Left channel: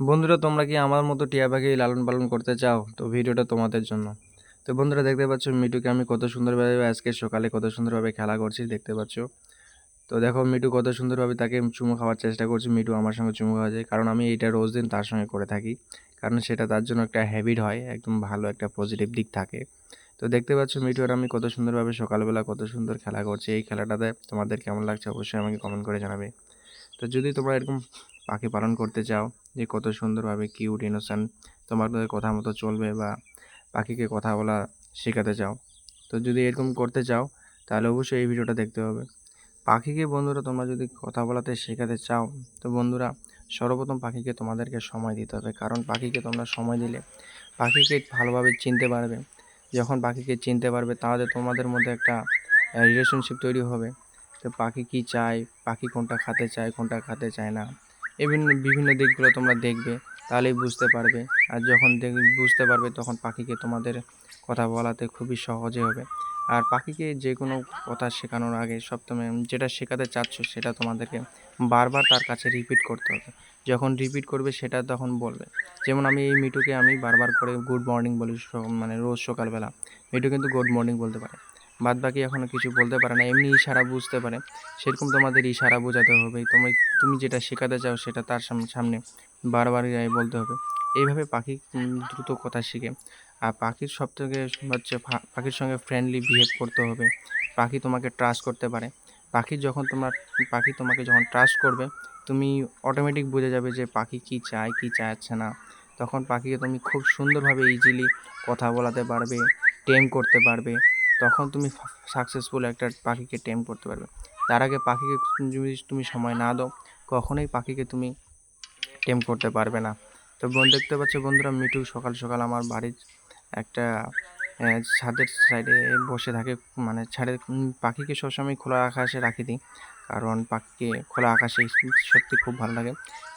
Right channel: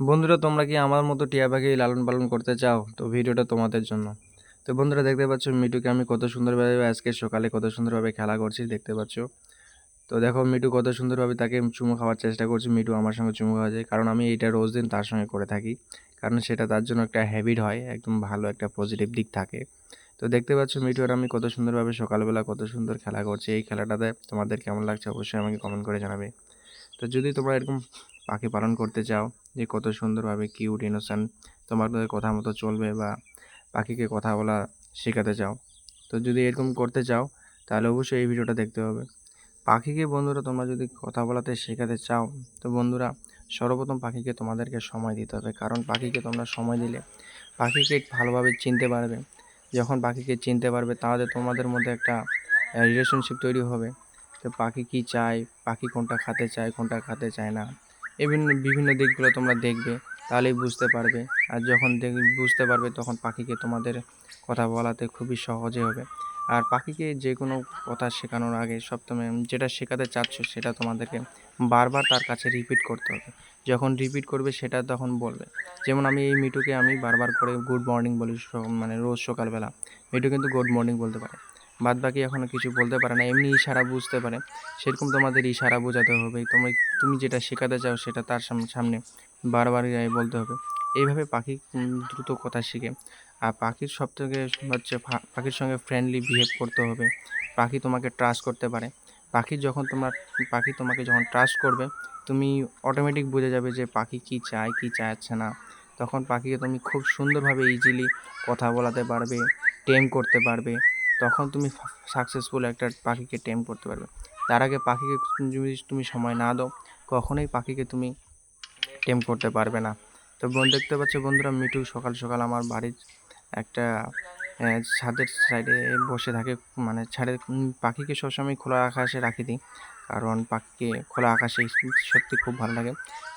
বন্ধুরা, তোমরা কি আমার মতো টিয়া পাখি লালন পালন করতে চাও? তো ভিডিওটা তোমাদের জন্য। তো বন্ধুরা, দেখতে পাচ্ছ মিটুকে আমি কত সুন্দরভাবে আজকে সকালে কত সুন্দরভাবে খেলা করছি, দেখতে পাচ্ছ। তো দেখো মিটু কত সুন্দরভাবে তাকে চুমু খাওয়ার চেষ্টা করছে। মিটু আমার সঙ্গে চুমু খাওয়া যায়, কারণ আমি এইটা রোজ দিন তার সঙ্গে করে থাকি। কারণ সেটা তার জন্য একটা হ্যাবিট হয়, একদম ভালো একটা পজিটিভ দিক থাকে। তো দেখতে পাচ্ছ মিটু আর আমি কত সুন্দরভাবে সকালবেলা কত সুন্দর খেলা করছি। এই খেলাটাতে তোমাদের কেমন লাগছে অবশ্যই আমাকে কমেন্ট করে জানাবে। তো যদি তোমরা এরকম পাখি পালন করতে চাও, যে কত সুন্দরভাবে কিউট ইনোসেন্ট তোমাদের কথা মতো চলবে, বা পাখিকে কথা বলা শেখাতে চাও, তো যদি এরকম করতে চাও তাহলে অবশ্যই এই ভিডিওটা দেখতে হবে। পাখিকে বন্ধুরা তোমরা যদি কথা বলাতে শেখাতে চাও, তো বন্ধুরা সর্বপ্রথম পাখিকে তোমাদেরকে সময় দিতে হবে। কারণ পাখিকে তোমরা সময় দিলে পাখিকে ভালোভাবে চিনতে পারবে। যখন পাখিকে চিনতে পারবে তাহলে তোমাদের মধ্যে একটা রিলেশনশিপ তৈরি হবে। তো পাখি কী চায়, পাখি কোনটা খেতে চায়, কোনটা খেতে চায় না, বিভিন্ন বিভিন্ন দিকগুলো তোমরা দেখবে, তাহলেই বুঝতে পারবে। আর যখন বুঝতে পারবে তখন পাখিকে তোমাদের কথা বলাতে খুবই সহজে হবে। আর পাখিকে যে কোনো কথা শেখানোর আগে সপ্তমে যেটা শেখাতে চাচ্ছ সেটা তোমাদেরকে বারবার তার কাছে রিপিট করতে হবে। যখন রিপিট করবে সেটা তখন বলবে। যেমন আমি এই মিটুকে আমি বারবার করে গুড মর্নিং বলি, মানে রোজ সকালবেলা। মিটু কিন্তু গুড মর্নিং বলতে পারে, বাদ বাকি এখনও কিছু বলতে পারে না, এমনি ইশারা বুঝতে পারে। সেরকম তোমাদের ইশারা বোঝাতে হবে। তুমি যেটা শেখাতে চাও সেটা তার সামনে বারবার বলতে হবে। এইভাবে পাখি দ্রুত কথা শিখে। আর পাখির সবথেকে হচ্ছে পাখির সঙ্গে ফ্রেন্ডলি বিহেভ করতে হবে। পাখি তোমাকে ট্রাস্ট করতে পারে। পাখি তোমাকে যখন ট্রাস্ট করবে, তুমি অটোমেটিক বুঝে যাবে যে পাখি কী চায়, কী চাচ্ছে না। তখন পাখিকে তুমি খুব সুন্দরভাবে ইজিলি কথা বলাতে পারবে, টেম করতে পারবে। তখন তুমি সাকসেসফুল একটা পাখিকে টেম করতে পারবে। তার আগে পাখিকে যদি তুমি সময় না দাও, কখনোই পাখিকে তুমি টেম করতে পারবে না। তো দেখতে পাচ্ছ বন্ধুরা, মিটু সকাল সকাল আমার বাড়ির একটা ছাদের সাইডে বসে থাকে। মানে পাখিকে সবসময় খোলা আকাশে রাখি দিই, কারণ পাখিকে খোলা আকাশে সত্যি খুব ভালো লাগে।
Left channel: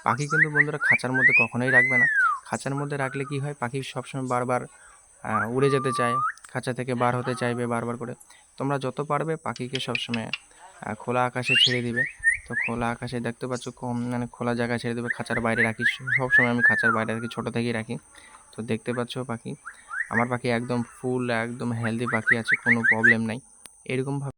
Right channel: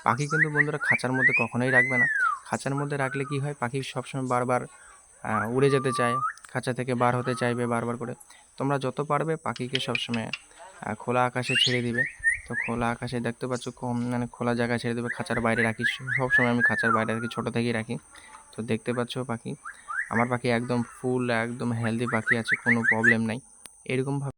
পাখি কিন্তু বন্ধুরা খাঁচার মধ্যে কখনোই রাখবে না। খাঁচার মধ্যে রাখলে কি হয়, পাখি সবসময় বারবার উড়ে যেতে চায়, খাঁচা থেকে বার হতে চাইবে বারবার করে। তোমরা যত পারবে পাখিকে সবসময় খোলা আকাশে ছেড়ে দিবে। তো খোলা আকাশে দেখতে পাচ্ছ কম, মানে খোলা জায়গায় ছেড়ে দেবে, খাঁচার বাইরে রাখি। সবসময় আমি খাঁচার বাইরে রাখি, ছোটো থেকেই রাখি। তো দেখতে পাচ্ছ পাখি, আমার পাখি একদম ফুল একদম হেলদি পাখি আছে, কোনো প্রবলেম নাই। এরকমভাবে